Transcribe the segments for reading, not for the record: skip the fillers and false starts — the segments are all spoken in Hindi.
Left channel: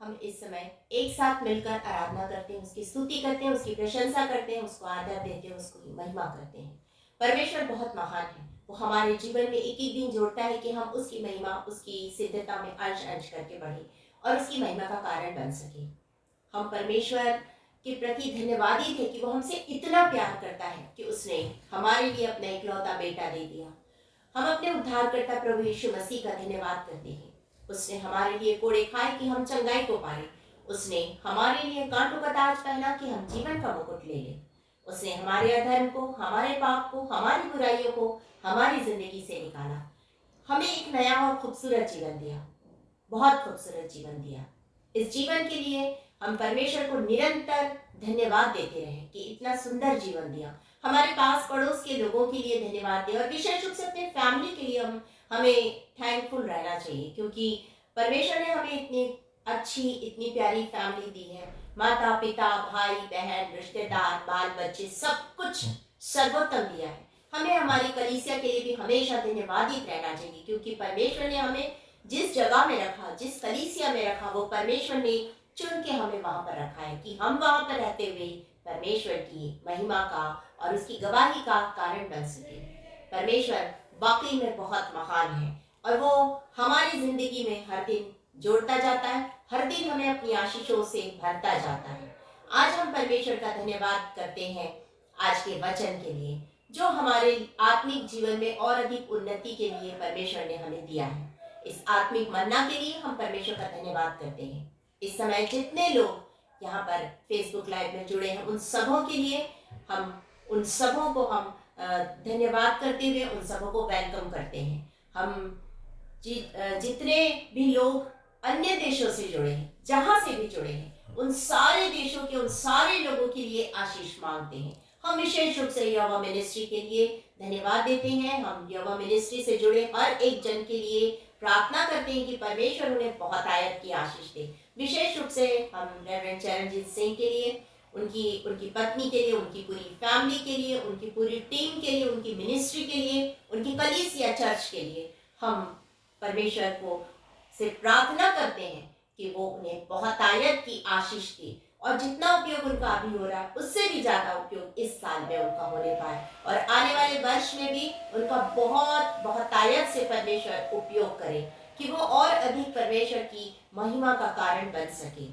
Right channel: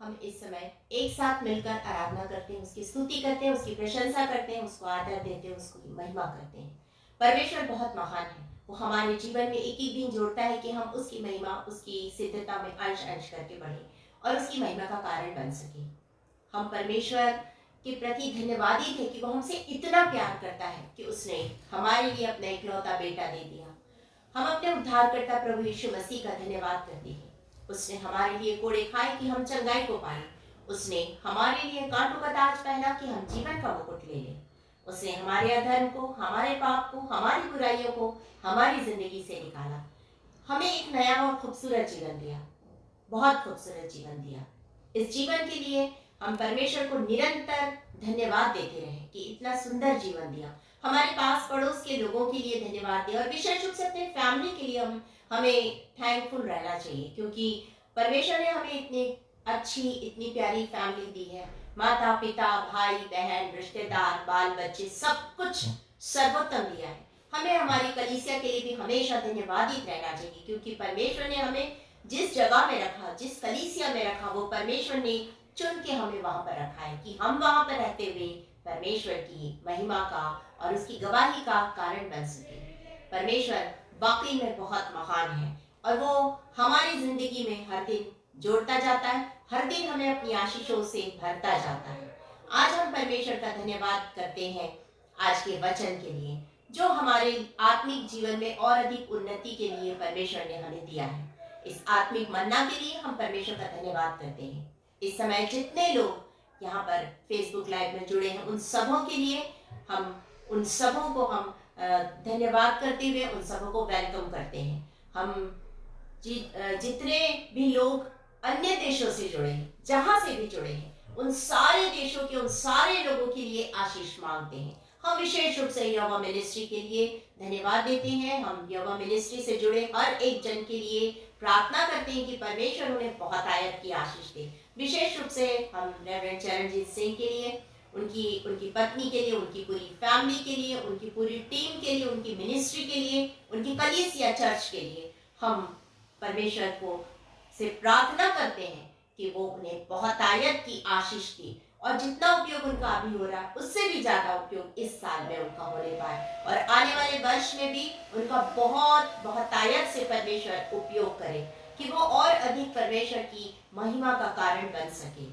हम इस समय एक साथ मिलकर आराधना करते हैं, उसकी स्तुति करते हैं, उसकी प्रशंसा करते हैं, उसको आदर देते हैं, उसकी महिमा करते हैं। परमेश्वर बहुत महान है। वो हमारे जीवन में एक एक दिन जोड़ता है कि हम उसकी महिमा, उसकी सिद्धता में अंश अंश करके बढ़े और उसकी महिमा का कारण बन सके। हम परमेश्वर के प्रति धन्यवादी थे कि वो हमसे इतना प्यार करता है कि उसने हमारे लिए अपना इकलौता बेटा दे दिया। हम अपने उद्धारकर्ता प्रभु यीशु मसीह का धन्यवाद करते हैं। उसने हमारे लिए कोड़े खाए कि हम चंगाई को पाए। उसने हमारे लिए कांटों का ताज पहना कि हम जीवन का मुकुट ले लें। उसने हमारे अधर्म को, हमारे पाप को, हमारी बुराइयों को हमारी जिंदगी से निकाला। हमें एक नया और खूबसूरत जीवन दिया, बहुत खूबसूरत जीवन दिया। इस जीवन के लिए हम परमेश्वर को निरंतर धन्यवाद देते रहे कि इतना सुंदर जीवन दिया। हमारे पास पड़ोस के लोगों के लिए धन्यवाद दें और विशेष रूप से अपने फैमिली के लिए हमें थैंकफुल रहना चाहिए, क्योंकि परमेश्वर ने हमें इतनी अच्छी, इतनी प्यारी फैमिली दी है। माता पिता, भाई बहन, रिश्तेदार, बाल बच्चे, सब कुछ सर्वोत्तम दिया है। हमें हमारी कलीसिया के लिए भी हमेशा धन्यवादित रहना चाहिए, क्योंकि परमेश्वर ने हमें जिस जगह में रखा, जिस कलीसिया में रखा, वो परमेश्वर ने चुन के हमें वहां पर रखा है कि हम वहां पर रहते हुए परमेश्वर की महिमा का और उसकी गवाही का कारण बन सके। परमेश्वर वाकई में बहुत महान है और वो हमारी जिंदगी में हर दिन जोड़ता जाता है, हर दिन हमें अपनी आशीषों से भरता जाता है। आज हम परमेश्वर का धन्यवाद करते हैं आज के वचन के लिए, जो हमारे आत्मिक जीवन में और अधिक उन्नति के लिए परमेश्वर ने हमें दिया है। इस आत्मिक मन्ना के लिए हम परमेश्वर का धन्यवाद करते हैं। इस समय जितने लोग यहाँ पर फेसबुक लाइव में जुड़े हैं, उन सबों के लिए उन सबों को हम धन्यवाद करते हुए उन सबों को वेलकम करते हैं। हम जितने भी लोग अन्य देशों से जुड़े हैं, जहां से भी जुड़े हैं, उन सारे देशों के, उन सारे लोगों के लिए आशीष मांगते हैं। हम विशेष रूप से यहोवा मिनिस्ट्री के लिए धन्यवाद देते हैं। हम यहोवा मिनिस्ट्री से जुड़े हर एक जन के लिए प्रार्थना करते हैं कि परमेश्वर उन्हें बहुत आयत की आशीष दे। विशेष रूप से हम रेवरेंड चरणजीत सिंह के लिए, उनकी पत्नी के लिए, उनकी पूरी फैमिली के लिए, उनकी पूरी टीम के लिए, उनकी मिनिस्ट्री के लिए, उनकी कलीसिया चर्च के लिए हम परमेश्वर को से प्रार्थना करते हैं कि वो उन्हें बहुत आयत की आशीष दे और जितना उपयोग उनका अभी हो रहा है उससे भी ज्यादा उपयोग इस साल में उनका होने पाए और आने वाले वर्ष में भी उनका बहुत बहुत आयत से परमेश्वर उपयोग करे कि वो और अधिक परमेश्वर की महिमा का कारण बन सके।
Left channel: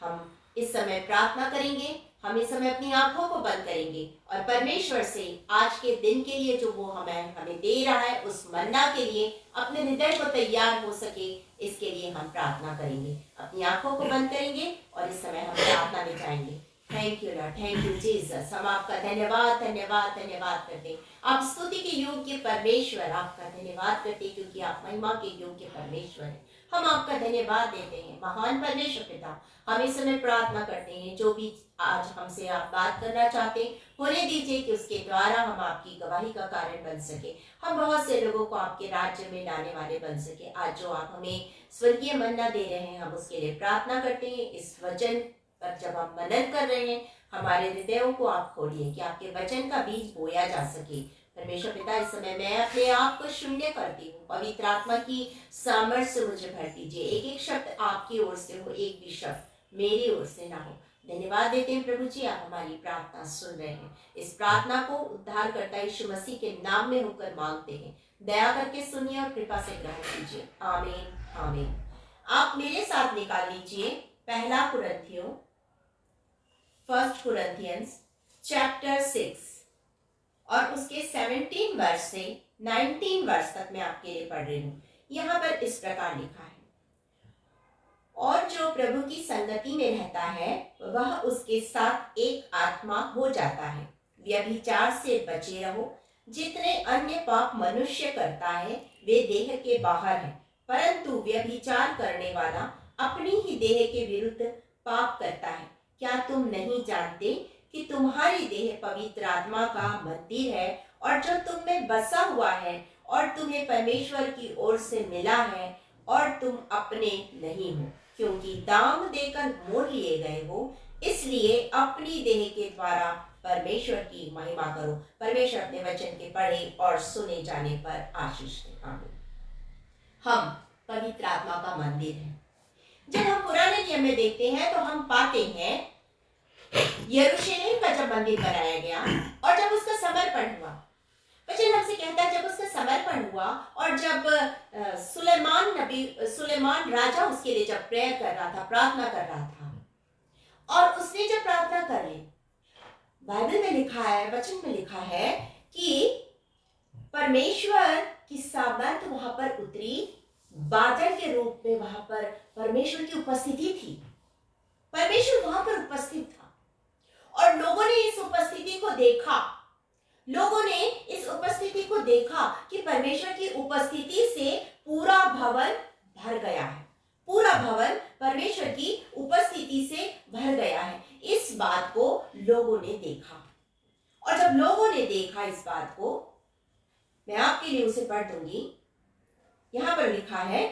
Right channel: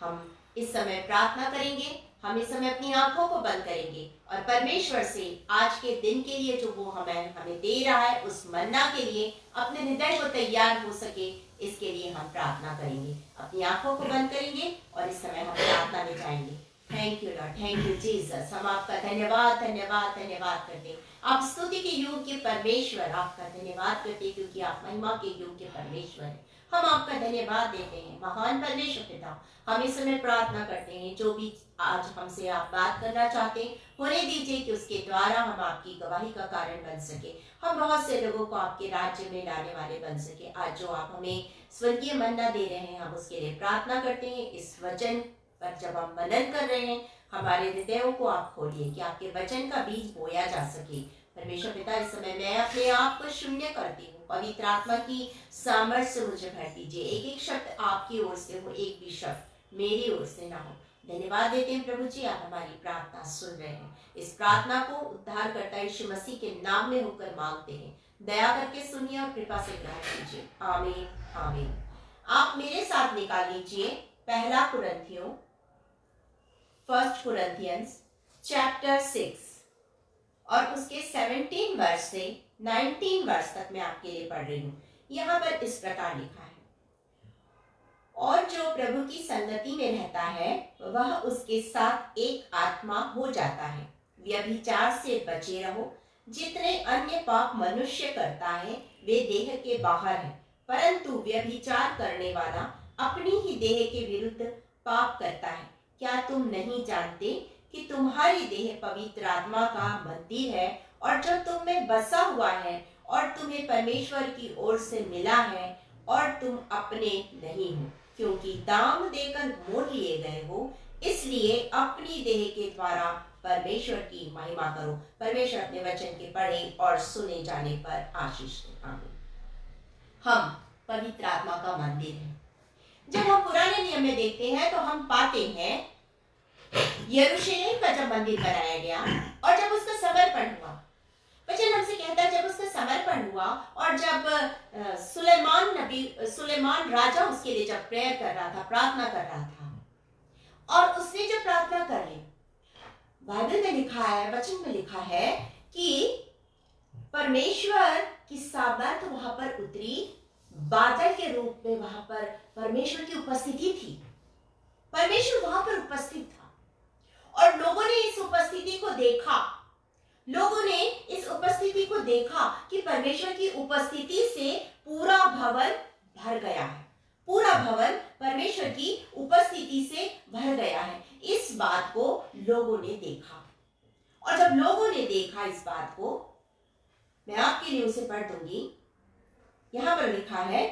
हम इस समय प्रार्थना करेंगे, हम इस समय अपनी आंखों को बंद करेंगे और परमेश्वर से आज के दिन के लिए जो वो हमें दे रहा है, उस मन्ना के लिए अपने हृदय को तैयार हो सके, इसके लिए हम प्रार्थना करेंगे। अपनी आंखों को बंद करेंगे और इस समय हम प्रार्थना में जाएंगे। Thank you Lord, thank you Jesus. हम आपका धन्यवाद धन्यवाद धन्यवाद करते हैं। आप स्तुति के योग्य परमेश्वर, आपका धन्यवाद करते हैं क्योंकि आप महिमा के योग्य परमेश्वर हैं। हम आपका धन्यवाद देते हैं महान परमेश्वर पिता। हम इस समय प्रार्थना करते हैं जो भी आज हमसे आप बात करना चाहते हैं होने दीजिए कि उसके द्वारा हम आपकी गवाही का कारण बन सके। हम बहुत से लोगों को आपके राज्य में लाने वाले बन सके। आज जो आप हमें स्वर्गीय मन्ना दे रहे हैं, हम उसके लिए प्रार्थना करते हैं। इस वचन पर जब हम मनन कर रहे हैं, हमारे हृदयों को आप खोलिए कि आपके वचन का बीज बोया जा सके। परमेश्वर पिता, इस समय मैं अपने आप को शून्य करती हूँ। पवित्र आत्मा की सामर्थ्य से मुझे भर दीजिए। एक एक शब्द आपकी ओर से हो, एक भी शब्द मेरी ओर से ना हो। धन्यवाद देते हैं प्रभु जी, आप हमारी प्रार्थना सुन रहे हैं। इस प्रार्थना को उद्धारकर्ता यीशु मसीह के नाम में होकर मांगते हैं। दया करके सुनिए और कृपा से ग्रहण कीजिए। आमीन आमीन। आप मेरे साथ निकाल लीजिए पहला कुरिन्थियों, फर्स्ट कुरिन्थियंस चैप्टर 6 और उसके 17 वर्ष से 19 वर्ष तक मैं आपके लिए पढ़ रही हूँ। यहाँ पर इस प्रकार लिखा है, और जो प्रभु की संगति में रहता है वह उसके साथ एक आत्मा हो जाता है। व्यभिचार से बचे रहो। जितने अन्य पाप मनुष्य करता है वे देह के बाहर है, परंतु व्यभिचार करने वाला अपनी ही देह के विरुद्ध पाप करता है। क्या तुम नहीं जानते कि तुम्हारी देह पवित्र आत्मा का मंदिर है और जो तुम में बसा हुआ है और तुम्हें परमेश्वर की ओर से मिला है और तुम अपने नहीं हो, क्योंकि दाम देकर मोल लिए गए हो। इसलिए अपनी देह के द्वारा परमेश्वर की महिमा करो। परमेश्वर अपने वचन के पढ़े और सुने जाने पर आशीष दे। आमीन। हम पवित्र आत्मा का मंदिर है। जब हम पुराने नियम में देखते हैं तो हम पाते हैं यरूशलेम का जब मंदिर बनाया गया और जब उसका समर्पण हुआ, वचन हमसे कहता है जब उसका समर्पण हुआ और जब सुलेमान राजा उसके लिए जब प्रेयर कर रहा था, प्रार्थना कर रहा था, और उसने जब प्रार्थना कर ली, बाइबल में लिखा है, वचन में लिखा है कि परमेश्वर की सामर्थ वहां पर उतरी, बादल के रूप में वहां पर परमेश्वर की उपस्थिति थी। परमेश्वर वहां पर उपस्थित था और लोगों ने इस उपस्थिति को देखा। लोगों ने इस उपस्थिति को देखा कि परमेश्वर की उपस्थिति से पूरा भवन भर गया है। पूरा भवन परमेश्वर की उपस्थिति से भर गया है। इस बात को लोगों ने देखा और जब लोगों ने देखा इस बात को, मैं आपके लिए उसे पढ़ दूंगी। यहां पर लिखा है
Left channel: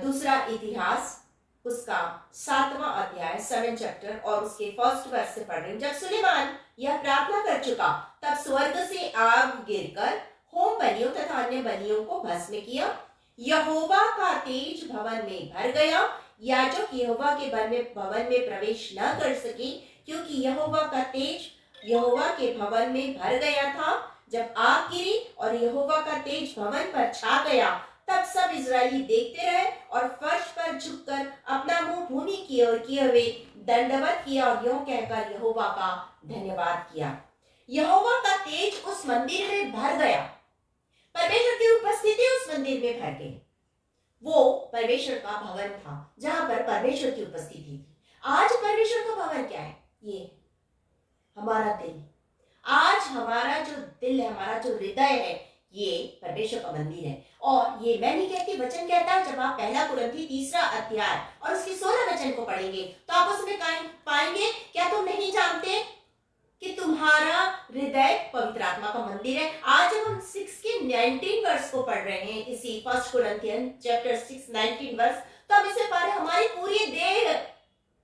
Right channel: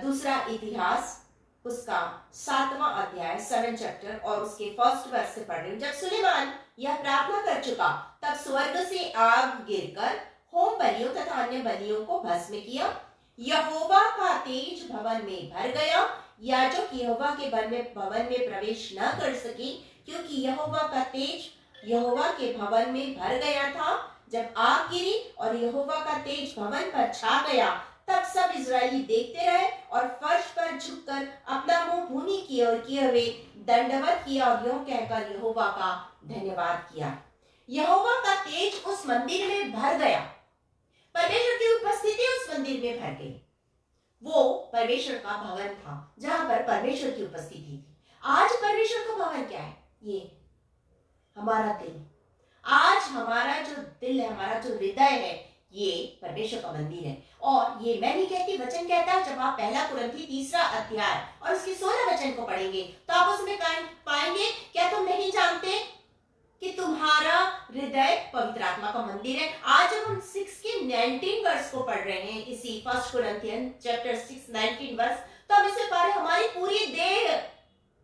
दूसरा इतिहास उसका 7वां अध्याय 7 चैप्टर और उसके 1 वर्ष से पढ़ रही हूं। जब सुलेमान यह प्रार्थना कर चुका तब स्वर्ग से आग गिरकर होम बलियों तथा अन्य बलियों को भस्म किया। यहोवा का तेज भवन में भर गया। याजक यहोवा के भवन में प्रवेश न कर सके क्योंकि यहोवा का तेज यहोवा के भवन में भर गया था। जब आग गिरी और यहोवा का तेज भवन पर छा गया तब सब इजरायली देखते रहे और फर्श पर झुककर अपना मुंह भूमि की ओर किए हुए दंडवत किया और यूं कहकर यहोवा का धन्यवाद किया। यहोवा का तेज उस मंदिर में भर गया। परमेश्वर की उपस्थिति उस मंदिर में भर गई। वो परमेश्वर का भवन था जहां पर परमेश्वर की उपस्थिति थी। आज परमेश्वर का भवन क्या है? ये हमारा दिल। आज हमारा जो दिल है, हमारा जो हृदय है, ये परमेश्वर का मंदिर है। और ये मैं नहीं कहती, वचन कहता है। जब आप 1 कुरिन्थी 3 अध्याय और उसके 16 वचन को पढ़ेंगे तो आप उसमें पाएंगे, क्या तुम नहीं जानते कि तुम्हारा हृदय पवित्र आत्मा का मंदिर है। आज जब हम 6 के 19 वर्ष को पढ़ रहे हैं, इसी 1 कुरिन्थियन चैप्टर 6 19 वर्ष, तो हम इसे पढ़ रहे हैं। हमारी पूरी देह,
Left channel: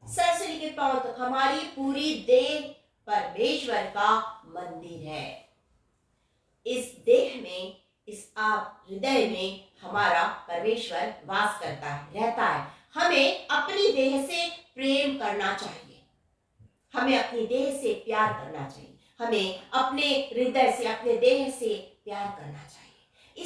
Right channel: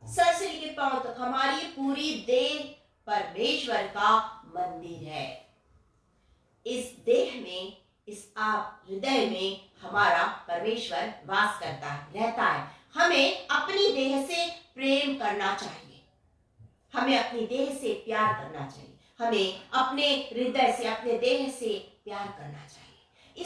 सर से लेकर पांव तक, हमारी पूरी देह परमेश्वर का मंदिर है। इस देह में, इस आप हृदय में हमारा परमेश्वर वास करता है, रहता है। हमें अपनी देह से प्रेम करना चाहिए, हमें अपनी देह से प्यार करना चाहिए, हमें अपने हृदय से, अपने देह से प्यार करना चाहिए।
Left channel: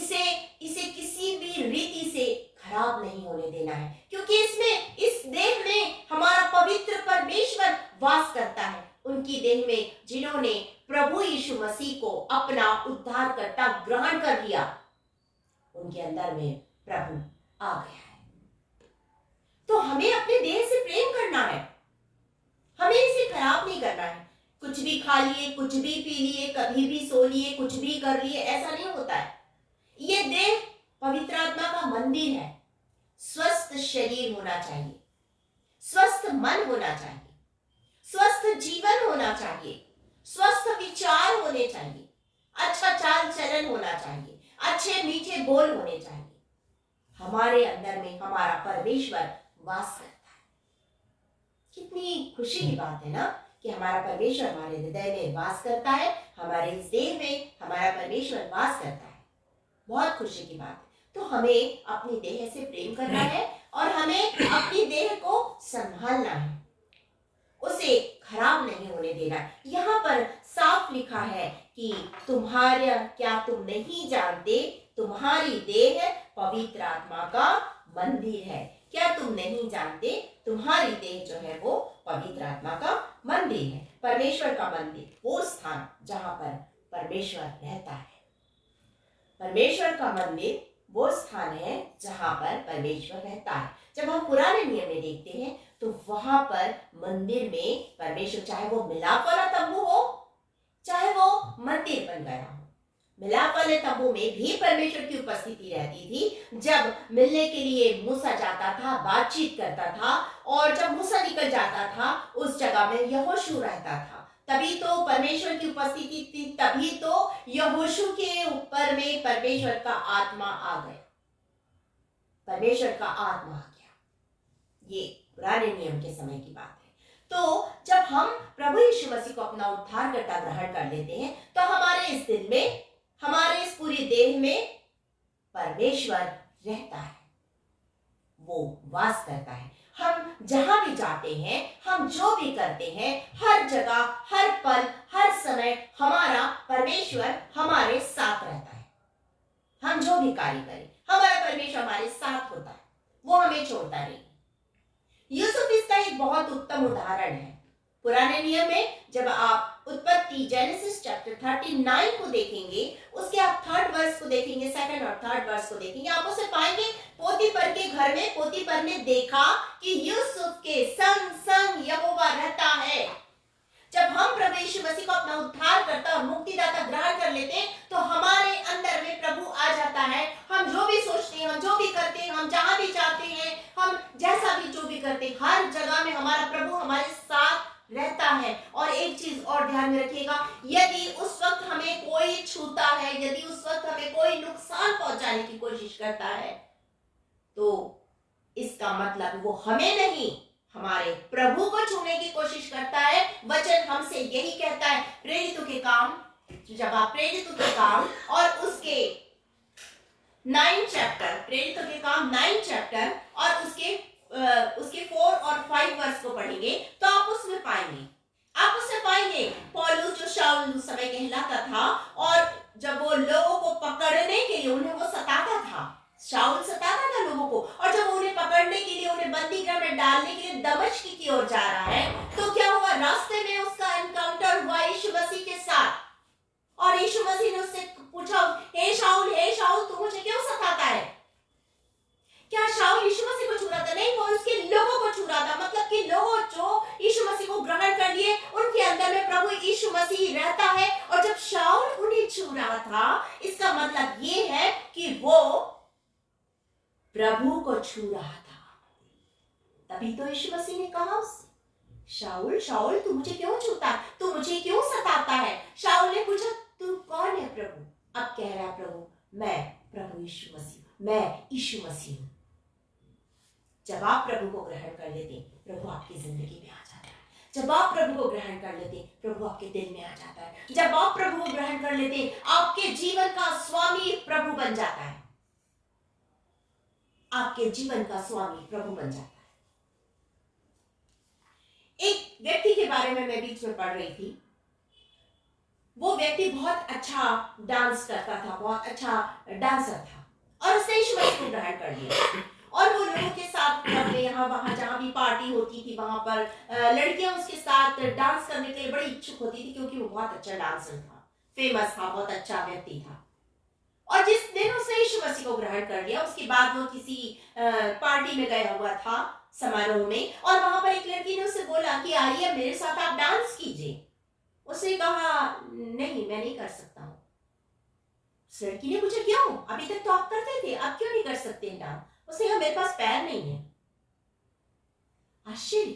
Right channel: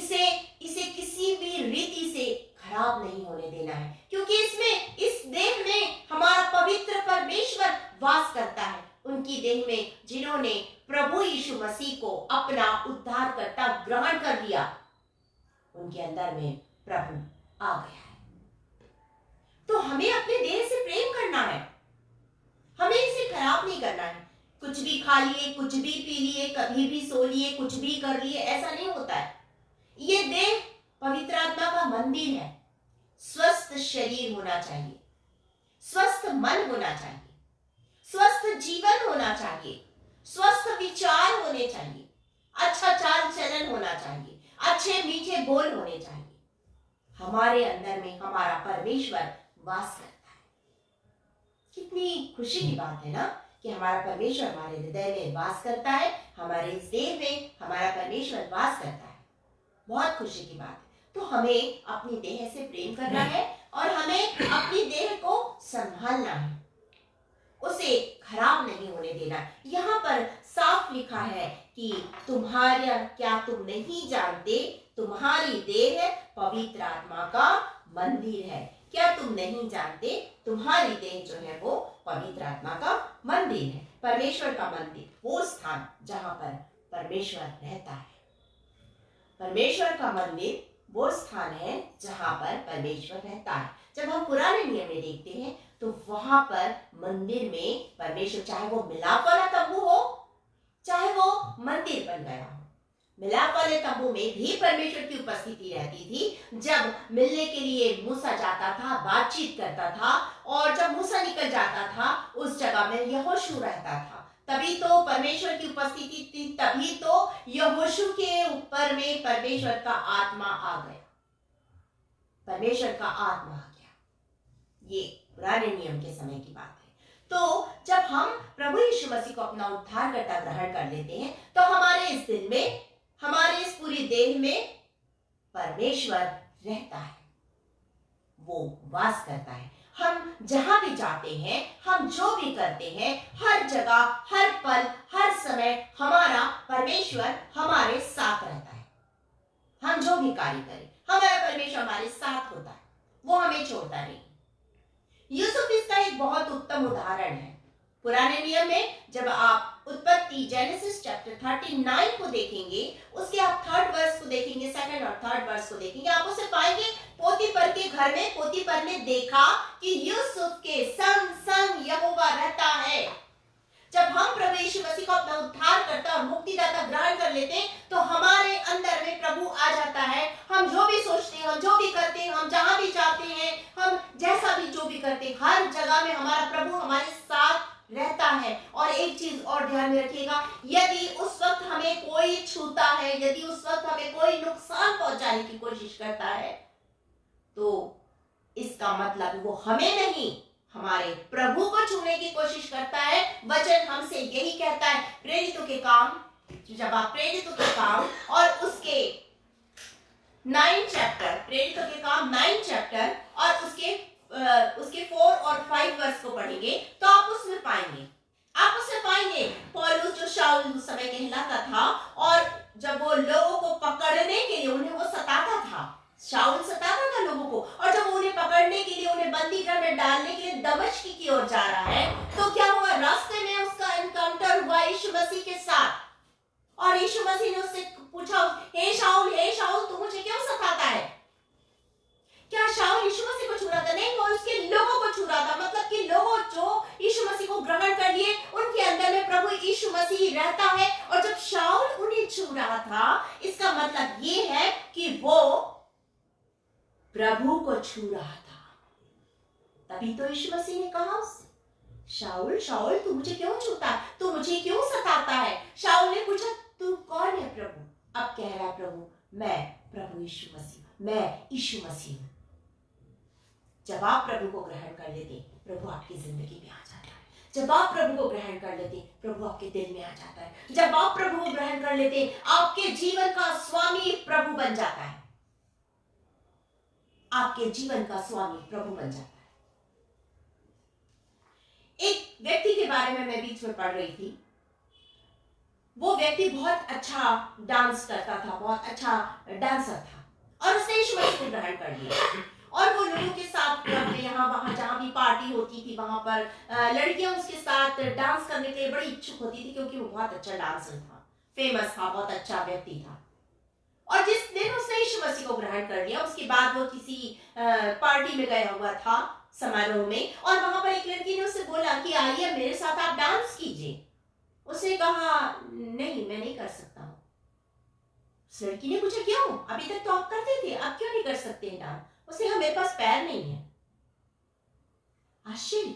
इसे किसी भी रीति से खराब नहीं होने देना है, क्योंकि इसमें, इस देह में हमारा पवित्र परमेश्वर वास करता है। उनकी देह में जिन्होंने प्रभु यीशु मसीह को अपना उद्धारकर्ता ग्रहण कर लिया, उनके अंदर में प्रभु आ गया है। तो हमें अपने देह से प्रेम करना है, हमें इसे खराब नहीं करना है। कुछ भी खा लिए, कुछ भी पी लिए, कभी भी सो लिए, कुछ भी कर लिए, ऐसा नहीं होता है। ये देह पवित्र आत्मा का मंदिर है। स्वस्थ शरीर होना चाहिए, स्वस्थ मन होना चाहिए, स्वस्थ जीवन होना चाहिए, स्वस्थ विचार होने चाहिए, अच्छा चाल चलन होना चाहिए, अच्छे मीठे बोल होने चाहिए। हमारे अंदर में हमारा परमेश्वर वास करता है। कितनी खुशी की बात है ना कि हमारा परमेश्वर हमारे हृदय में वास करता है, हमारे इस देह में हमारा परमेश्वर वास करता है। बहुत खुशी की बात है। तो हमें अपनी देह से प्रेम करना है और हमें अपनी देह को संभालना है, उसे खराब नहीं होने देना। यहाँ पर साफ लिखा है कि क्या तुम नहीं जानते तुम्हारी देह पवित्र आत्मा का मंदिर है? क्या तुम नहीं जानते तुम्हारी देह जो है वो पवित्र आत्मा का मंदिर है? परमेश्वर का मंदिर, वो स्थान जहां पर परमेश्वर रहता है। परमेश्वर का मंदिर वो स्थान है जहां पर परमेश्वर रहता है। जब हम पुराने नियम में देखते हैं तो वहां पर मंदिर में परमेश्वर, चाहे वो मिलाप वाला तंबू हो, चाहे वो मंदिर बन गया हो, मिलाप वाले तंबू में भी परमेश्वर की उपस्थिति रहती थी। जब मिलने के लिए मूसा जाता था, बातचीत करता था, और जब मूसा निकल जाता था उस जगह में यहोशू रहता था। तभी तो परमेश्वर की उपस्थिति थी, तभी तो यहोशू के ऊपर में परमेश्वर का आत्मा आ गया, परमेश्वर का आत्मा आ गया। ये पुराने नियम के समय की बात है। तो जब हम प्रभु यीशु मसीह को अपना उद्धारकर्ता ग्रहण कर लेते हैं तो हमारे इस दिल में, हमारे इस पूरी देह में परमेश्वर रहता है, वो वास करता है। हम जहां भी जाते हैं, हम जो भी करते हैं, हर जगह, हर पल, हर समय हमारा परमेश्वर हमारे साथ रहता है। हम जो भी कार्य करें, हमारा परमेश्वर हमारे साथ होता है, वो हमें छोड़ता नहीं। यूसुफ इसका एक बहुत उत्तम उदाहरण है। पुराने नियम में जब आप उत्पत्ति जेनेसिस चैप्टर 39 को देखेंगे, उसके आप 3rd वर्स को देखेंगे, 2nd और 3rd वर्स को देखेंगे, आप उसे पाएंगे पोतीफर के घर में पोतीफर ने देखा कि यूसुफ के संग संग यहोवा रहता है। जब हम प्रभु यीशु मसीह को अपना उद्धारकर्ता और मुक्तिदाता ग्रहण कर लेते हैं, तो हमारे अंदर में प्रभु आ जाता है। हम जो भी सोचते हैं, हम जो भी करते हैं, हम जहां भी जाते हैं, हम जैसा भी जो भी करते हैं, हर जगह में हमारा प्रभु हमारे साथ रहता है। और एक चीज और ध्यान में रखिएगा, यदि उस वक्त हमें कोई छूता है, यदि उस वक्त हमें कोई नुकसान पहुंचाने की कोशिश करता है, तो इसका मतलब वो हमें नहीं, हमारे प्रभु को छूने की कोशिश करता है। वचन हमसे यही कहता है, प्रेरितों के काम, जब आप प्रेरितों के काम और उसके 9 चैप्टर, प्रेरितों के काम 9 चैप्टर और उसके 4 और 5 वर्स को पढ़ेंगे, तो आप उसमें पाएंगे पौलुस जो शाऊल उस समय कहलाता था, और जब वो लोगों को पकड़ने के लिए उन्हें वो सताता था, शाऊल सताता था लोगों को, और जब उन्हें पकड़ने के लिए, उन्हें बंदीगृह में डालने के लिए दमिश्क की ओर जा रहा है, तो क्या हुआ, रास्ते में उसका एनकाउंटर हुआ यीशु मसीह के साथ। और यीशु मसीह ने उससे पूछा, हे शाऊल तू मुझे क्यों सताता है? क्या शाऊल यीशु मसीह को छू रहा था? नहीं, वो उसके लोगों को छू रहा था। मतलब कि लोगों जो यीशु मसीह को ग्रहण कर लिए, उनके अंदर में प्रभु यीशु मसीह रहता है। और जब शाऊल उन्हें छू रहा था, इसका मतलब ये है कि वो प्रभु को छू रहा था। तभी तो यीशु मसीह ने कहा उससे, शाऊल तू मुझे क्यों छूता, तू मुझे क्यों सताता है? शाऊल ने पूछा, तू कौन है प्रभु? अब कह रहा है प्रभु, मैं प्रभु यीशु मसीह, मैं यीशु मसीह हूं। जब आप प्रभु को ग्रहण कर लेते, प्रभु आपकी जिंदगी में आ जाता है। जब आप प्रभु को ग्रहण कर लेते, प्रभु आपके दिल में आ जाता है। जब आप प्रभु को ग्रहण कर लेते, आपके जीवन का स्वामी प्रभु बन जाता है। आपके जीवन का स्वामी प्रभु बन जाता है। एक व्यक्ति के बारे में मैं बीच में पढ़ रही थी। वो व्यक्ति बहुत अच्छा डांस करता था, बहुत अच्छा डांसर था, और उसने यीशु मसीह को ग्रहण कर लिया। और वो लोगों के साथ अपने यहाँ वहां जहां भी पार्टी होती थी, वहां पर लड़कियां उसके साथ डांस करने के लिए बड़ी इच्छुक होती थी, क्योंकि वो बहुत अच्छा डांसर था, फेमस था, बहुत अच्छा व्यक्ति था। और जिस दिन उसने यीशु मसीह को ग्रहण कर लिया, उसके बाद वो किसी पार्टी में गया हुआ था, समारोह में, और वहां पर एक लड़की ने उससे बोला कि आइए मेरे साथ आप डांस कीजिए। उसने कहा, नहीं, मैं नहीं कर सकता हूं। उस लड़की ने पूछा, क्यों? अभी तक तो आप करते थे, आप क्यों नहीं कर सकते हैं डांस? उसने कहा, मेरे पास पैर नहीं है। आश्चर्य।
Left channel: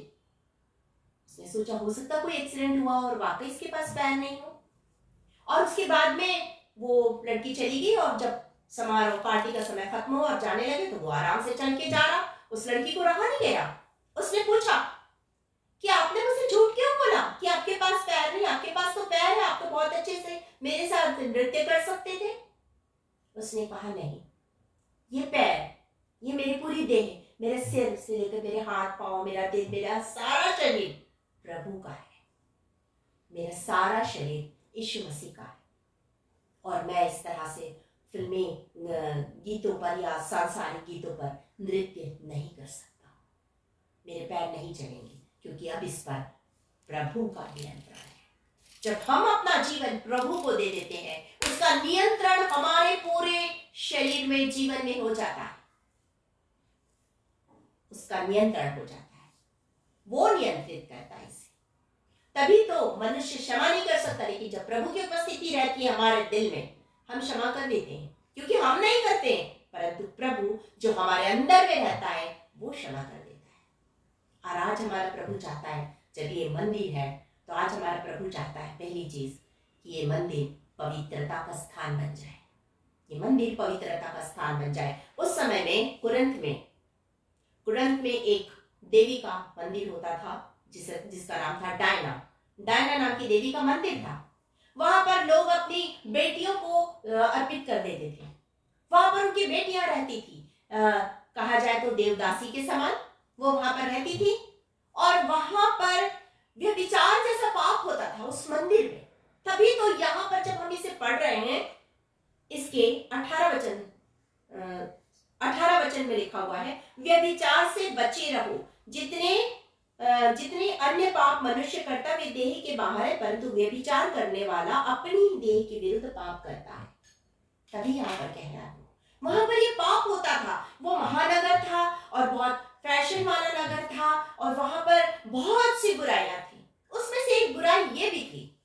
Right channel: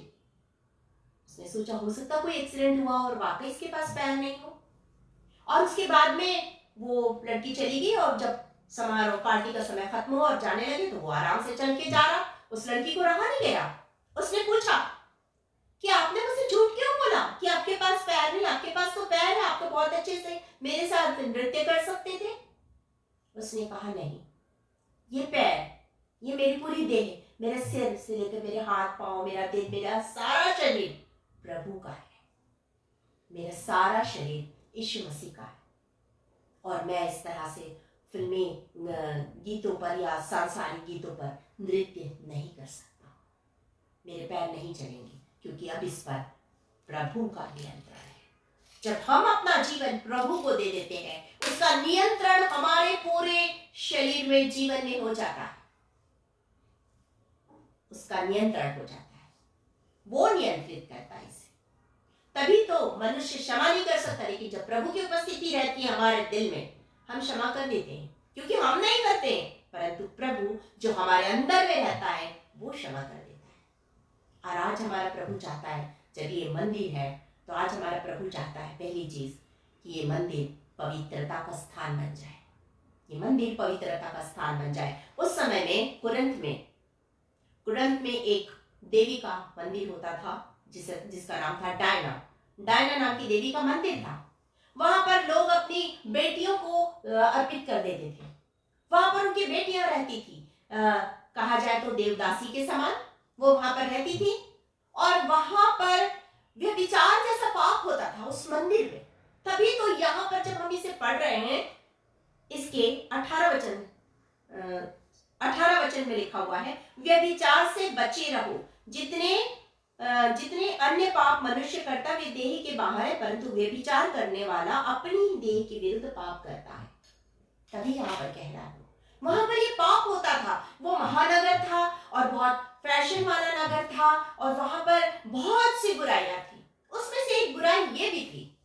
उसने सोचा, हो सकता कोई एक्सीडेंट हुआ और वाकई इसके पास पैर नहीं हो। और उसके बाद में वो लड़की चली गई, और जब समारोह पार्टी का समय खत्म हुआ और जाने लगे, तो वो आराम से चल के जा रहा। उस लड़की को रहा नहीं गया। उसने पूछा कि आपने मुझसे झूठ क्यों बोला कि आपके पास पैर नहीं? आपके पास तो पैर है, आप तो बहुत अच्छे से मेरे साथ नृत्य कर सकते थे। उसने कहा, नहीं, ये पैर, ये मेरी पूरी देह, मेरे सिर से लेकर मेरे हाथ पांव, मेरा दिल, मेरा सारा शरीर प्रभु का है। मेरा सारा शरीर यीशु मसीह का है। और मैं इस तरह से फिल्मी गीतों पर या सांसारिक गीतों पर नृत्य नहीं कर सकता। मेरे पैर नहीं चलेंगे, क्योंकि अब इस पर प्रभु का नियंत्रण है। जब हम अपना जीवन प्रभु को दे देते हैं, उसका नियंत्रण हमारे पूरे शरीर में, जीवन में हो जाता है। उसका नियंत्रण हो जाता है, वो नियंत्रित करता है इसे। तभी तो मनुष्य क्षमा नहीं कर सकता, लेकिन जब प्रभु की उपस्थिति रहती है हमारे दिल में, हम क्षमा कर देते हैं, क्योंकि हम नहीं करते हैं, परंतु प्रभु जो हमारे अंदर में रहता है वो क्षमा कर देता है। और आज हमारा प्रभु चाहता है, जब ये मंदिर है, तो आज हमारा प्रभु चाहता है पहली चीज कि ये मंदिर पवित्रता का स्थान बन जाए। ये मंदिर पवित्रता का स्थान बन जाए। उस समय में कुरंत में एक देवी का मंदिर होता था, जिसका नाम था डायना नाम की देवी का मंदिर था। वहां पर लोग अपनी बेटियों को अर्पित कर देते थे। वहां पर उनकी बेटियां रहती थी। कहा जाए तो देवदासी के समान वो वहां पर रहती थी, और वहां पर व्यभिचार जैसा पाप होता था उस मंदिर में। तभी तो यहां पर जब हम इसे पढ़ रहे हैं, इसके 18 वचन में लिखा हुआ है, व्यभिचार से बचे रहो। जितने अन्य पाप मनुष्य करता वे देह के बाहर है, परंतु व्यभिचार करने वाला अपनी देह के विरुद्ध पाप करता है। तभी यहाँ पर कह रहा है, वहां पर ये पाप होता था। वो महानगर था और बहुत फैशन वाला नगर था, और वहां पर बहुत सी बुराइयां थी। उसमें से एक बुराई ये भी थी,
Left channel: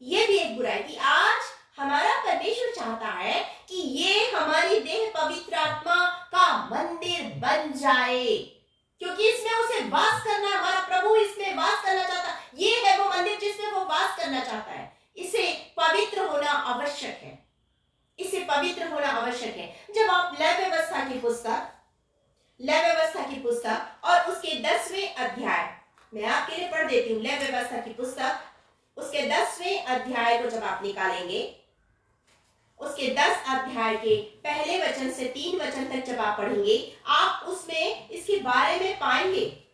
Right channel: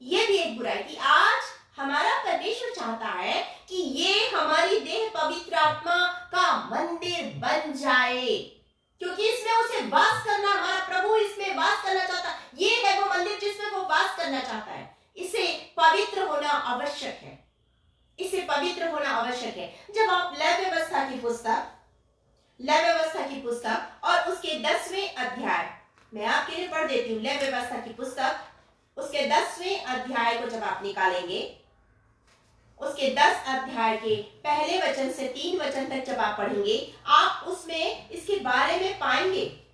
ये भी एक बुराई थी। आज हमारा परमेश्वर चाहता है कि ये हमारी देह पवित्र आत्मा का मंदिर बन जाए, क्योंकि इसमें उसे वास करना, हमारा प्रभु इसमें वास करना चाहता है। ये है वो मंदिर जिसमें वो वास करना चाहता है। इसे पवित्र होना आवश्यक है, इसे पवित्र होना आवश्यक है। जब आप लेवी व्यवस्था की पुस्तक और उसके 10वें अध्याय, मैं आपके लिए पढ़ देती हूँ। लेवी व्यवस्था की पुस्तक उसके 10वें अध्याय को जब आप निकालेंगे, उसके 10 अध्याय के पहले वचन से 3 वचन तक जब आप पढ़ेंगे, आप उसमें इसके बारे में पाएंगे।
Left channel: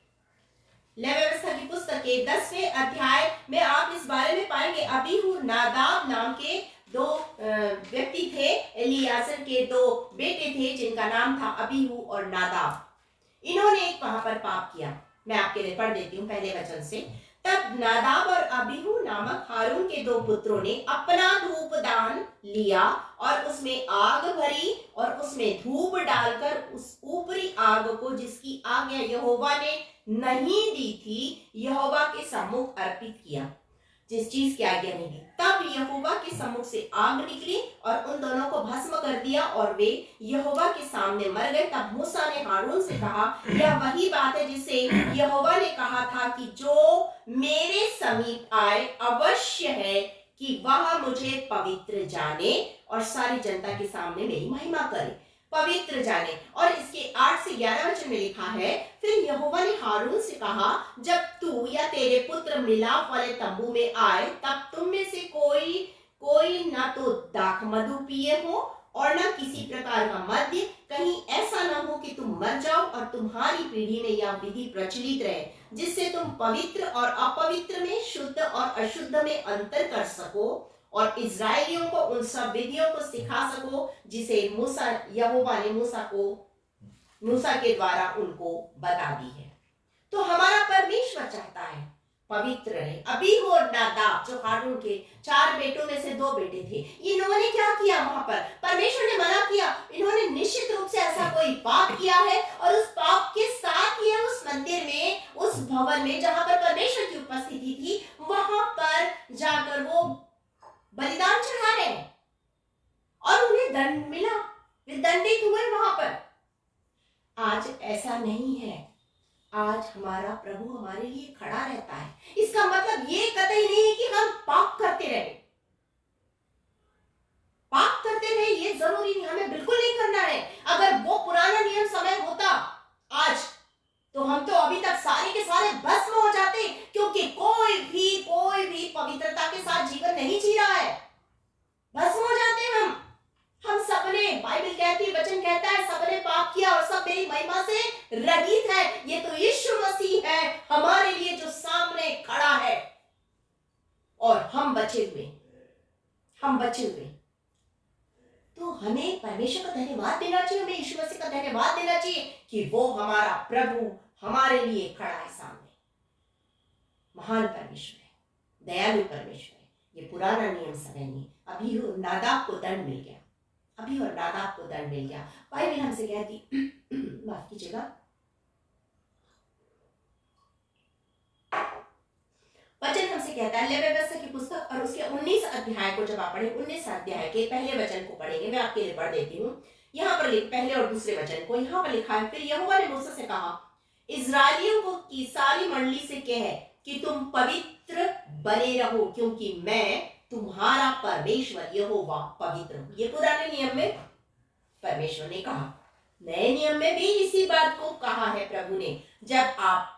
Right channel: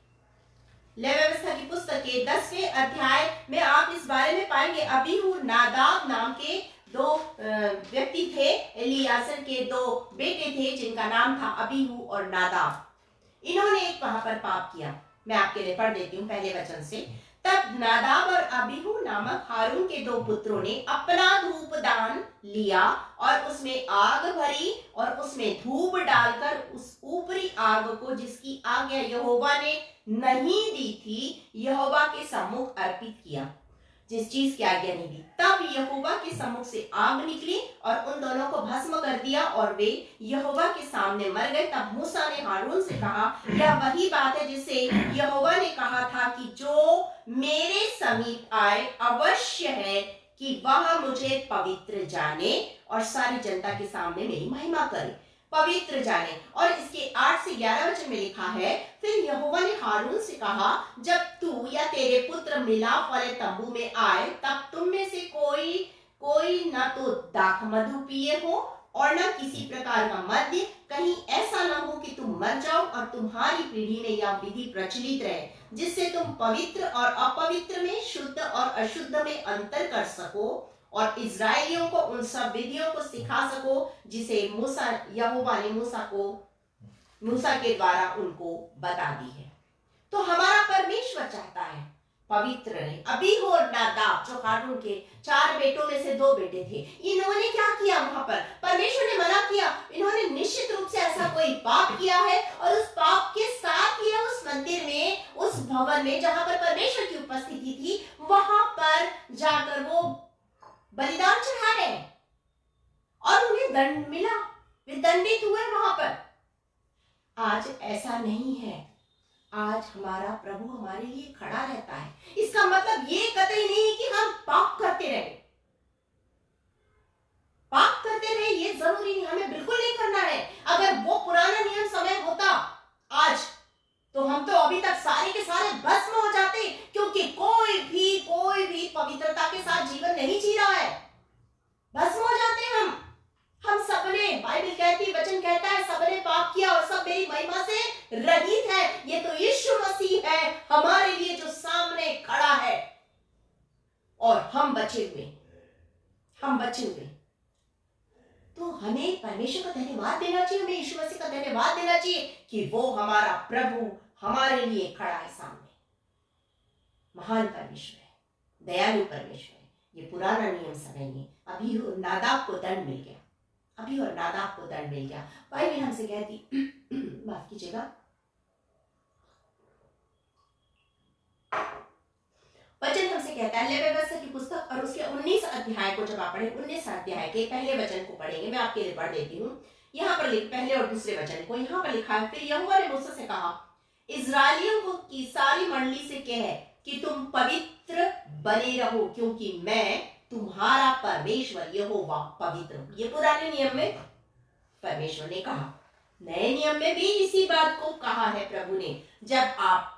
लेवी व्यवस्था की पुस्तक के 10वें अध्याय में आप इस बारे में पाएंगे। अबीहू नादाब नाम के 2 व्यक्ति थे, एलियाजर के 2 बेटे थे जिनका नाम था अबीहू और नादाब। इन्होंने एक वहां पर पाप किया। मैं आपके लिए पढ़ देती हूँ पहले वचन से। तब नादाब और अबीहू नामक हारून के 2 पुत्रों ने अपना धूपदान लिया और उसमें आग भरी और उसमें धूप डालकर उस ऊपरी आग को, जिसकी आज्ञा यहोवा ने नहीं दी थी, यहोवा के सम्मुख अर्पित किया। जिस चीज की आज्ञा नहीं दी, तब यहोवा के सम्मुख से आग निकली और उन दोनों को भस्म कर दिया और वे यहोवा के सामने मर गए। तब मूसा ने हारून से कहा, यह वही बात है जिसे यहोवा ने कहा था कि जो मेरे समीप आए अवश्य है कि वह मुझे पवित्र जाने और सारी जनता के सामने मेरी महिमा करे। पवित्र जाने। और इसके 8 से 11 वचन में लिखा है, फिर यहोवा ने हारून से कहा, जब तू या तेरे पुत्र मिलाप वाले तंबू में आए, तब तुम में से कोई ना तो दाख मधु पिए हो और न किसी प्रकार का मद्य, कहीं ऐसा ना हो कि तुम मर जाओ और तुम्हारी पीढ़ी में यह विधि प्रचलित रहे, जिससे तुम पवित्र और अपवित्र में, शुद्ध और अशुद्ध में अंतर कर सको और इजरायलियों को उन सब विधियों को सिखा सको जिसे यहोवा ने मूसा के द्वारा उनको बता दी है। तो हमारा परमेश्वर चाहता है पवित्र रहे। अबीहू और नादाब, जो हारून के 4 बेटों में से 2 बेटे थे, इन्होंने क्या किया? वहां पर परमेश्वर ने मना किया। इन्होंने निश्चित रूप से ऐसा कोई पाप किया है और उस पाप के साथ ही उस मंदिर में, उस भवन में जहां पर परमेश्वर की उपस्थिति थी, वहां पर जाकर वो बलिदान चढ़ा रहे हैं और उन्हें दंड मिला, वे दंडित हुए वहां पर। आज ऐसा नहीं है। आज हमारा प्रभु हमारे लिए खड़ा रहता है। इसका मतलब ये कतई नहीं है कि हम पाप करते रहे, ये जरूरी नहीं, हमें बिल्कुल नहीं करना है। अगर वो पुराना नियम समय होता आज, तो हम तो अभी तक सारे के सारे भस्म हो जाते, क्योंकि कोई भी पवित्रता के साथ जीवन नहीं जी रहा है। भस्म हो जाते हैं हम सबने, बाइबल कहती, वचन कहता है, सबने पाप किया और सब मेरी महिमा से रहित है। ये तो यीशु मसीह है हमारे लिए जो सामने खड़ा है, और हम बचे हुए। तो हमें परमेश्वर का धन्यवाद देना चाहिए, हमें यीशु मसीह का धन्यवाद देना चाहिए कि वो हमारा प्रभु हमारे लिए खड़ा है सामने। महान परमेश्वर है, दयालु परमेश्वर है। ये पुराना नियम समय नहीं। अभी नादाब को दंड मिल गया, बाइबल हमसे कहती, माफ कीजिएगा, वचन हमसे कहता है, लेवी व्यवस्था की पुस्तक और उसके 19 अध्याय को जब आप पढ़ें, 19 अध्याय के पहले वचन को पढ़ेंगे। मैं आपके लिए पढ़ देती हूँ। यहाँ पर पहले और दूसरे वचन को यहाँ पर लिखा है, फिर यहोवा ने मूसा से कहा, इजराइलियों को की सारी मंडली से कह कि तुम पवित्र बने रहो, क्योंकि मैं तुम्हारा परमेश्वर यहोवा पवित्र हूं। ये पुराने नियम में परमेश्वर ने कहा। नए नियम में भी इसी बात को कहा है प्रभु ने। जब आप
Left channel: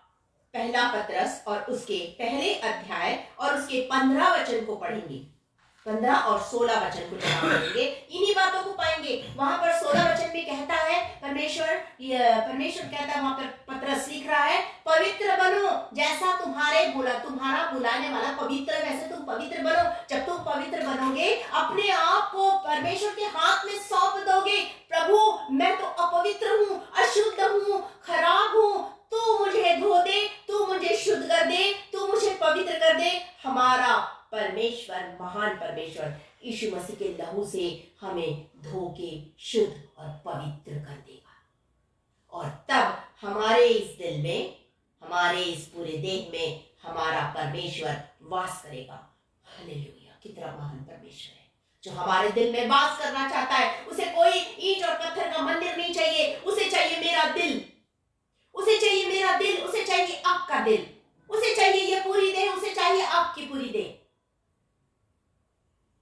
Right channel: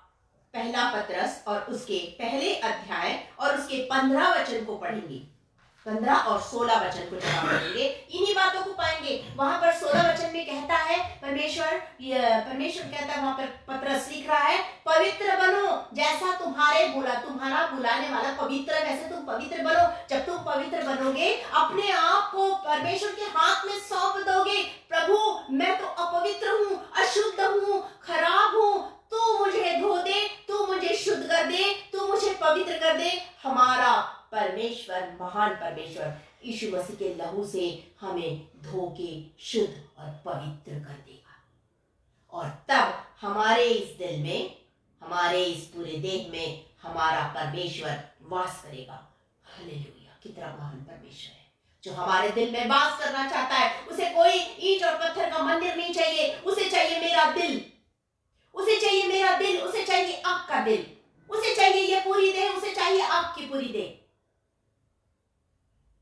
पहला पतरस और उसके पहले अध्याय और उसके 15 वचन को पढ़ेंगे, 15 और 16 वचन को जब आप पढ़ेंगे इन्हीं बातों को पाएंगे। वहां पर 16 वचन में कहता है परमेश्वर कहता है, वहां पर पतरस लिख रहा है, पवित्र बनो जैसा तुम्हारा बुलाने वाला पवित्र है, वैसे तुम पवित्र बनो। जब तुम पवित्र बनोगे, अपने आप को परमेश्वर के हाथ में सौंप दोगे, प्रभु मैं तो अपवित्र हूँ, अशुद्ध हूँ, खराब हूँ, तू मुझे धो दे, तू मुझे शुद्ध कर दे, तू मुझे पवित्र कर दे। हमारा परमेश्वर, महान परमेश्वर यीशु मसीह के लहू से हमें धो के शुद्ध और पवित्र कर देगा। और तब हमारे इस दिल में, हमारे इस पूरे देह में हमारा परमेश्वर वास करेगा। हालेलुया! कितना महान परमेश्वर है जो हमारे दिल में वास करना चाहता है। उसे कोई ईंट और पत्थर का मंदिर नहीं चाहिए, उसे चाहिए मेरा दिल, उसे चाहिए मेरा दिल, उसे चाहिए आपका दिल, उसे चाहिए ये पूरी देह, उसे चाहिए आपकी पूरी देह।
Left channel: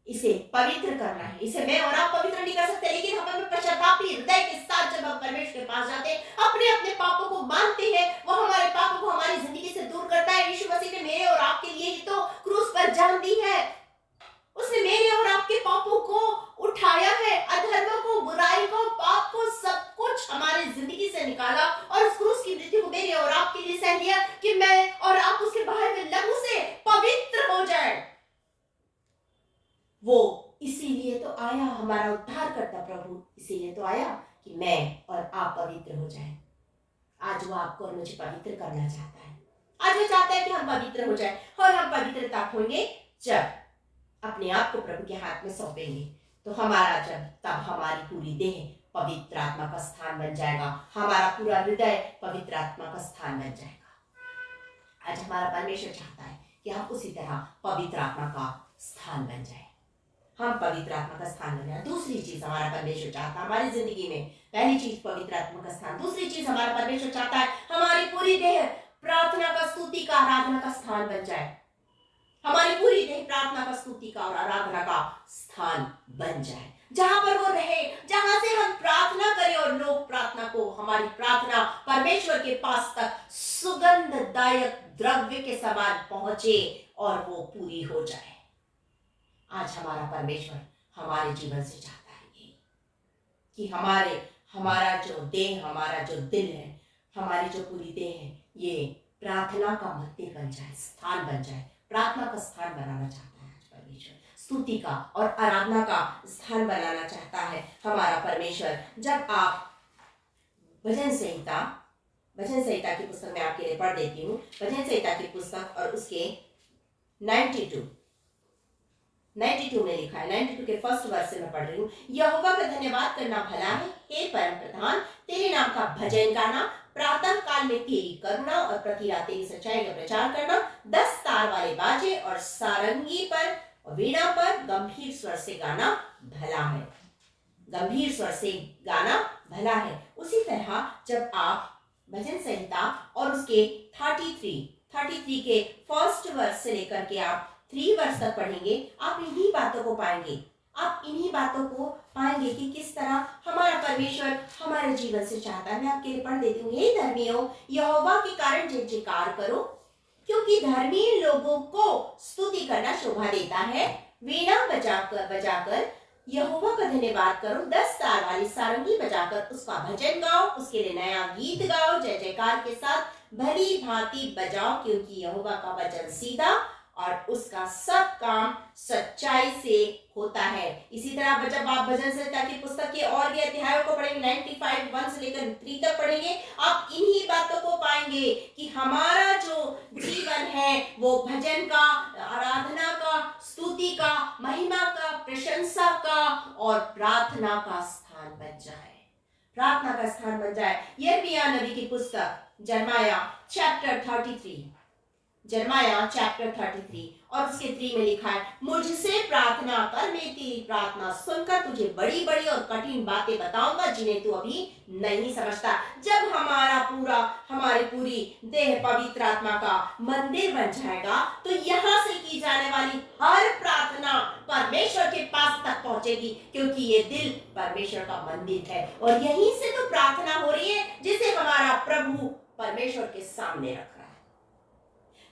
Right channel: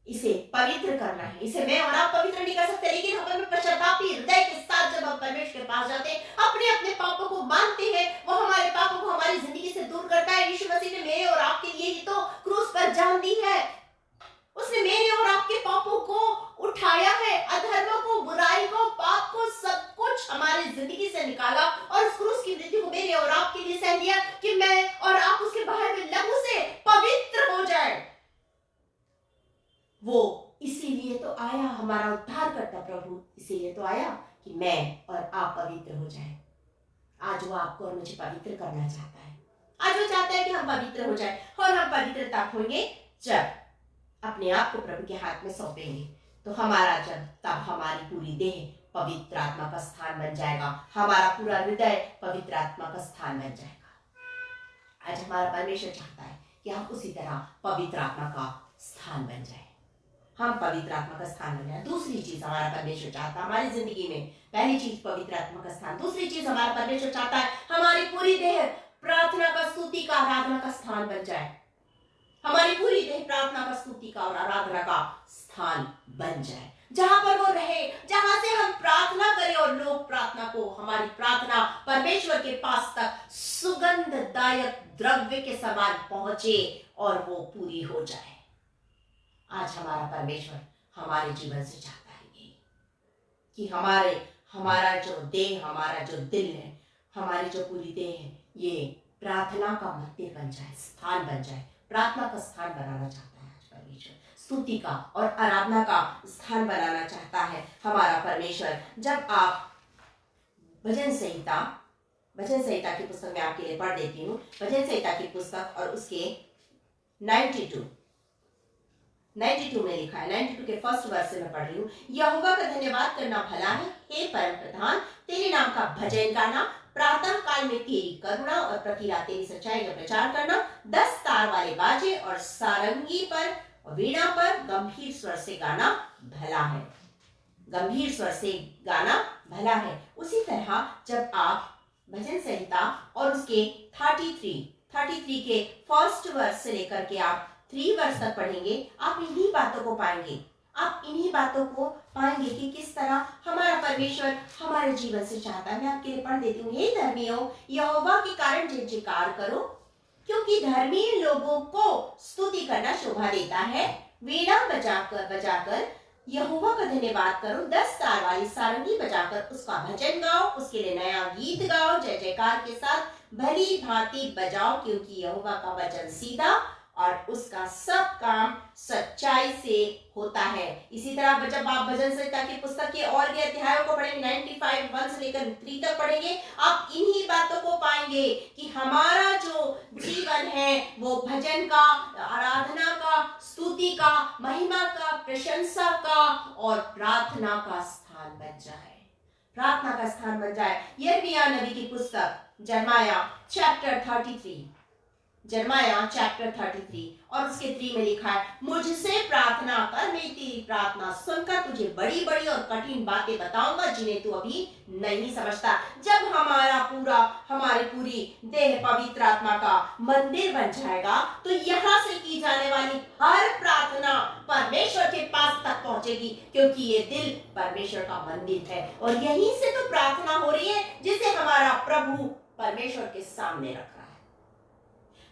इसे पवित्र करना है। इसे मैं और आप पवित्र नहीं कर सकते, लेकिन हम अपने पश्चातापी हृदय के साथ जब हम परमेश्वर के पास जाते हैं, अपने अपने पापों को मानते हैं, वो हमारे पापों को हमारी जिंदगी से दूर करता है। यीशु मसीह ने मेरे और आपके लिए ही तो क्रूस पर जान दी है। उसने मेरे और आपके पापों को उठाया है, अधर्म को, बुराई को, पाप को, सब कुछ हमारे जिंदगी से निकाला और उस क्रूस की मृत्यु को मेरे और आपके लिए सह लिया कि मैं और आप उसके बाहर में लहू से पवित्र हो जाए। वो इसीलिए तो आया, हमारा उद्धार करता प्रभु इसीलिए तो आया कि मैं और आप पवित्र हो जाएं। आज वो आपको और मुझे पवित्र करना चाहता है। आज वो चाहता है कि हम पवित्र हो जाएं, और हम पवित्रता होंगे जब अपने आप को प्रभु के हाथ में सौंपेंगे। तो तब हमारी पूरी देह पवित्र आत्मा का स्थान बन जाएगा, हमारा पूरा हृदय पवित्र आत्मा का स्थान बन जाएगा। आज हमारा परमेश्वर चाहता है कि हम उसी तरह पवित्र आत्मा का स्थान बन जाए, हम पवित्र आत्मा का स्थान बन जाए। दूसरी चीज हमारा परमेश्वर चाहता है हमारी जिंदगी में, पहली चीज पवित्र आत्मा का स्थान, दूसरी चीज हमारा परमेश्वर चाहता है हमारी पूरी देह प्रार्थना का, स्तुति का, आराधना का स्थान बन जाए। हमारी पूरी देह प्रार्थना का, स्तुति का और आराधना का स्थान बन जाए, जहां पर वो रहे, जहां से हम प्रार्थना करें और लोग प्रार्थना को, हमारी प्रार्थना परमेश्वर के पास तक सुगंधदायक द्रव्य के समान पहुंचे और वो पूरी हो जाए। आज हमारा परमेश्वर हमारे जीवन से चाहता है ये कि हमारा जो देह, हमारा जो दिल है, हमारी जो पूरी देह है, ये प्रार्थना का मंदिर बन जाए, स्थान बन जाए। प्रार्थना का स्थान बनाना चाहता है आज परमेश्वर, स्तुति का और आराधना का स्थान बनाना चाहता है हमारा परमेश्वर। जब आप भजन संहिता की पुस्तक में आपके लिए पढ़ देती हूँ, भजन संहिता की पुस्तक और उसके 92 में लिखा है, 92 के फर्स्ट वर्स से मैं पढ़ रही हूँ। यहोवा का धन्यवाद करना भला है, हे परम प्रधान, तेरे नाम का भजन गाना, प्रातः काल में तेरी करुणा और प्रति रात तेरी सच्चाई का प्रचार करना, 10 तार वाले बाजे और सारंगी पर और वीणा पर गंभीर स्वर से गाना भला है, गंभीर स्वर से गाना भला है। उसी तरह जब आप भजन संहिता और उसके 33 के फर्स्ट वर्स से लेकर के आप 3 वर्ष तक पढ़ेंगे, आप इन्हीं बातों को पाएंगे कि किस तरह हमारा परमेश्वर हमारे जीवन से चाहता है। मैं आपके लिए पढ़ देती हूँ। हे धर्मियों, यहोवा के कारण जय जयकार करो, क्योंकि धर्मी लोगों को स्तुति करना शोभा देता है। वीणा बजाकर यहोवा का धन्यवाद करो, 10 तार वाली सारंगी बजाकर उसका भजन गाओ, उसके लिए नया गीत गाओ, जय जयकार के साथ भली भांति बजाओ, क्योंकि यहोवा का वचन सीधा और उसका सब काम सच्चाई से होता है। इसी तरह जब आप भजन संहिता की पुस्तक के और भी अध्यायों को पढ़ेंगे, 95 1 से लेकर 3 तक पढ़ेंगे, आप इन्हीं बातों को पाएंगे कि हमारा जो जीवन है वो भजन का, आराधना का, स्तुति का, महिमा का, प्रशंसा का और प्रार्थना का स्थान बन जाए, प्रार्थना का स्थान बन जाए। यिर्मयाह नबी की पुस्तक जर्माया चैप्टर 33 और उसके 3 में लिखा है, मुझसे प्रार्थना कर, मैं तेरी प्रार्थना सुनकर तुझे बड़ी बड़ी और कठिन बातें बताऊंगा जिन्हें तू अभी नहीं समझता। जब हमारी पूरी देह पवित्र आत्मा का मंदिर बन जाएगा, तो यहाँ से की जाने वाली हर प्रार्थना परमेश्वर के पास तक पहुंचेगी, क्योंकि ये दिल परमेश्वर का मंदिर है और यहीं से तो प्रार्थना हो रही है जिसे हमारा प्रभु परमेश्वर के सामने रख रहा है।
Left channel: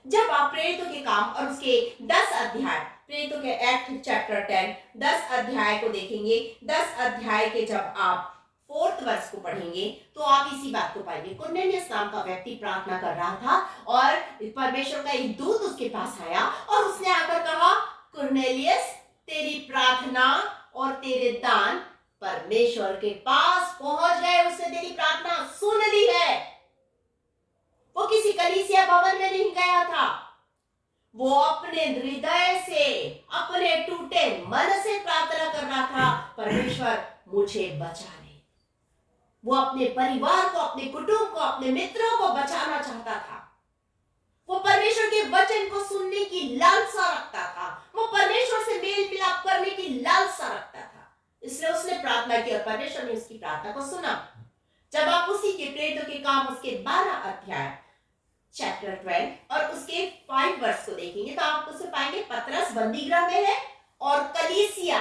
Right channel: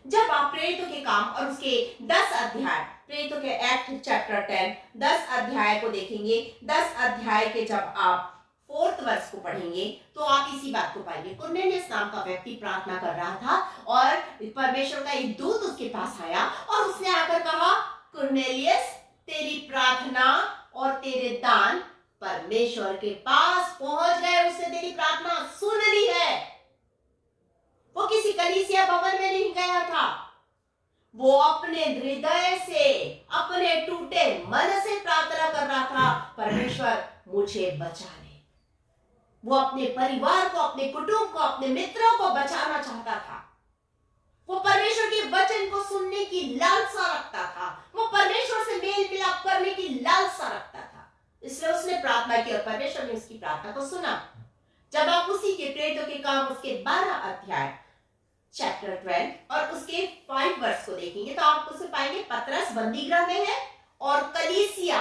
जब आप प्रेरितों के काम और उसके 10 अध्याय प्रेरितों के एक्ट चैप्टर 10 10 अध्याय को देखेंगे, 10 अध्याय के जब आप 4th वर्ष को पढ़ेंगे तो आप इसी बात को पाएंगे। कुरनेलियस नाम का व्यक्ति प्रार्थना कर रहा था और परमेश्वर का एक दूत उसके पास आया और उसने आकर कहा, कुरनेलियस, तेरी प्रार्थना और तेरे दान परमेश्वर के पास पहुंच गए, उसने तेरी प्रार्थना सुन ली है। वो किसी कलीसिया भवन में नहीं गया था, वो अपने हृदय से, अपने टूटे मन से प्रार्थना कर रहा था, परमेश्वर मुझे बचा ले। वो अपने परिवार को, अपने कुटुंब को, अपने मित्रों को बचाना चाहता था। वो परमेश्वर के वचन को सुनने की लालसा रखता था, वो परमेश्वर से मेल मिलाप करने की लालसा रखता था। इसलिए उसने प्रार्थना की और परमेश्वर ने उसकी प्रार्थना को सुना। जब आप उसी के प्रेरितों के काम उसके 12 अध्याय चैप्टर 12 और उसके 5 वर्ष को देखेंगे तो आप उसे पाएंगे, पतरस बंदीगृह में है और कलीसिया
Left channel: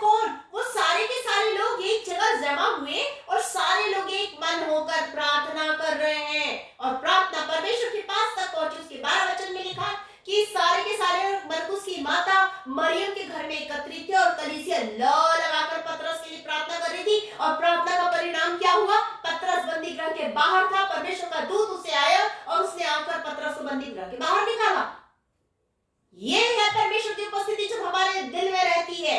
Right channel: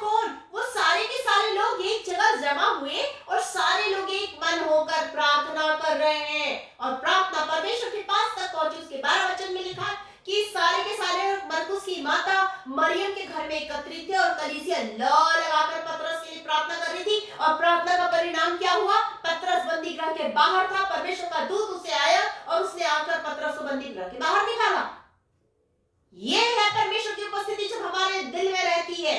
कौन? वो सारे के सारे लोग एक जगह जमा हुए और सारे लोग एक मन होकर प्रार्थना कर रहे हैं और प्रार्थना परमेश्वर के पास तक पहुंची। उसके 12 वचन में लिखा कि सारे के सारे मरकुस की माता मरियम के घर में एकत्रित थे और कलीसिया लौ लगाकर पतरस के लिए प्रार्थना कर रही थी। और प्रार्थना का परिणाम क्या हुआ? पतरस बंदीगृह के बाहर था, परमेश्वर का दूत उसे आया और उसने आकर पतरस को बंदीगृह के बाहर निकाला। ये है परमेश्वर की उपस्थिति जब हमारे दिल में रहती है।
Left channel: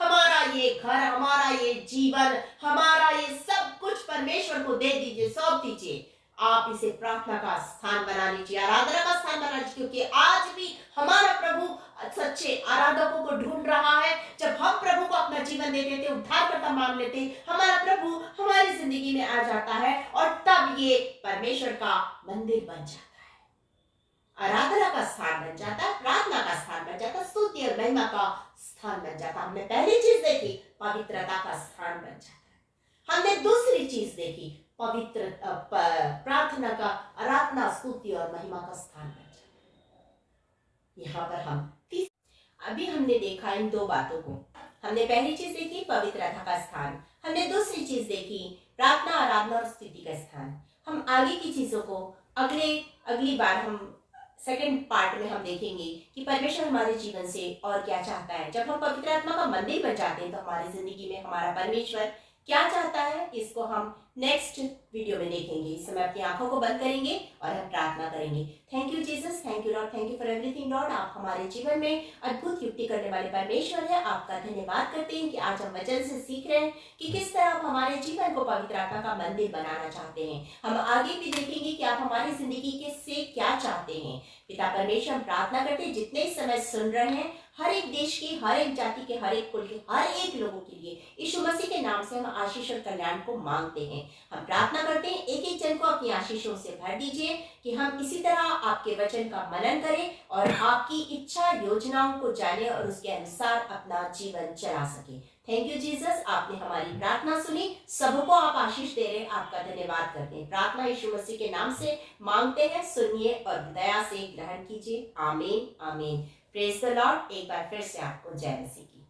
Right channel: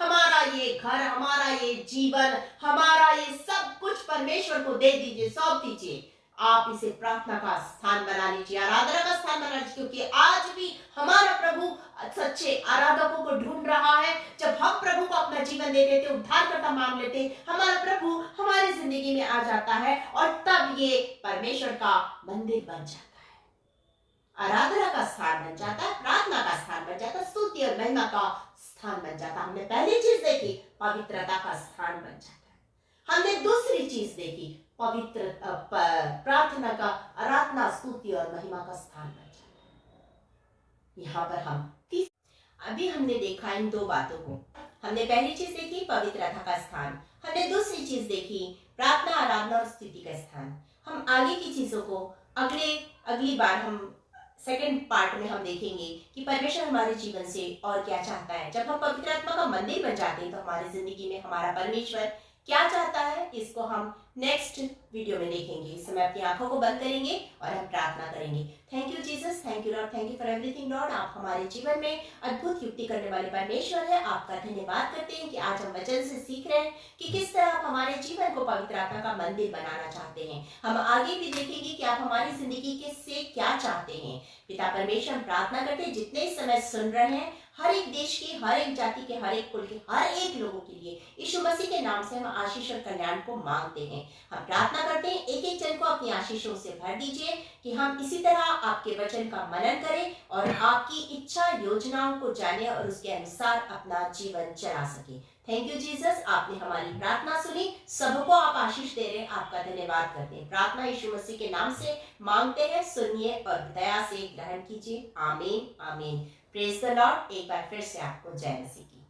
हमारा ये घर, हमारा ये जीवन, हमारा ये सब कुछ परमेश्वर को दे दीजिए, सौंप दीजिए। आप इसे प्रार्थना का स्थान बना लीजिए, आराधना का स्थान बना लीजिए, क्योंकि आज भी हमारा प्रभु सच्चे आराधकों को ढूंढ रहा है। जब हम प्रभु को अपना जीवन दे देते, उद्धारकर्ता मान लेते, हमारा प्रभु हमारी जिंदगी में आ जाता है और तब ये परमेश्वर का मंदिर बन जाता है, आराधना का स्थान बन जाता है, प्रार्थना का स्थान बन जाता है, स्तुति और महिमा का स्थान बन जाता है। हमने पहली चीज देखी, पवित्रता का स्थान बन जाता है। हमने दूसरी चीज देखी, पवित्र प्रार्थना का, आराधना, स्तुति और महिमा का स्थान बन जाता है। यहाँ पर हम अभी हमने देखा इन 2 बातों को। हमने पहली चीज देखी पवित्रता का स्थान, हमने दूसरी चीज देखी प्रार्थना, आराधना और स्तुति का स्थान। हम आगे की चीजों को अगली बार हम सेकंड पार्ट में हम देखेंगे कि परमेश्वर हमारे जीवन से और क्या चाहता है। जब हम पवित्र आत्मा का मंदिर बन जाते हैं तो हमारी जिंदगी में हमारा परमेश्वर क्या चाहता है, इसको हम नेक्स्ट वीडियो में देखेंगे। इस समय अपनी आंखों को बंद करेंगे और हम प्रार्थना करेंगे। Thank you Jesus, thank you Lord, thank you for everything Lord. आप हमारे जीवन में अद्भुत युक्ति करने वाले परमेश्वर है। आपका धन्यवाद करते हैं कि आज हम वचन से सीख रहे हैं कि किस तरह आप हमारे जीवन को पवित्र आत्मा का मंदिर बनाना चाहते हैं। हम आगे भी देखेंगे कि आप हमारी जिंदगी के से क्या चाहते हैं। पिता परमेश्वर, हम प्रार्थना करते हैं जितने इस समय सुन रहे हैं, हर एक देश के, हर एक जाति के, हर एक कुल के, हर एक लोगों के लिए यीशु मसीह के नाम से हम आशीष और कल्याण को मांगते हैं। हम प्रार्थना करते हैं एक एक जन को अपनी आशीषों से भर दीजिए कि हम इसी तरह आपके वचन का मनन करें और आपकी इच्छा योजनाओं को जाने और उसके अनुसार अपना जीवन चला सके। थैंक यू जीसस, आपने हमारी प्रार्थना सुनी, सबको आप आशीष दे रहे हैं, आपका धन्यवाद करते हैं। प्रार्थना यीशु मसीह के नाम से मांगते हैं, सुनिए और दया से ग्रहण कीजिए। आमीन आमीन। Praise the Lord. एक बार फिर से आपको जय मसीह की।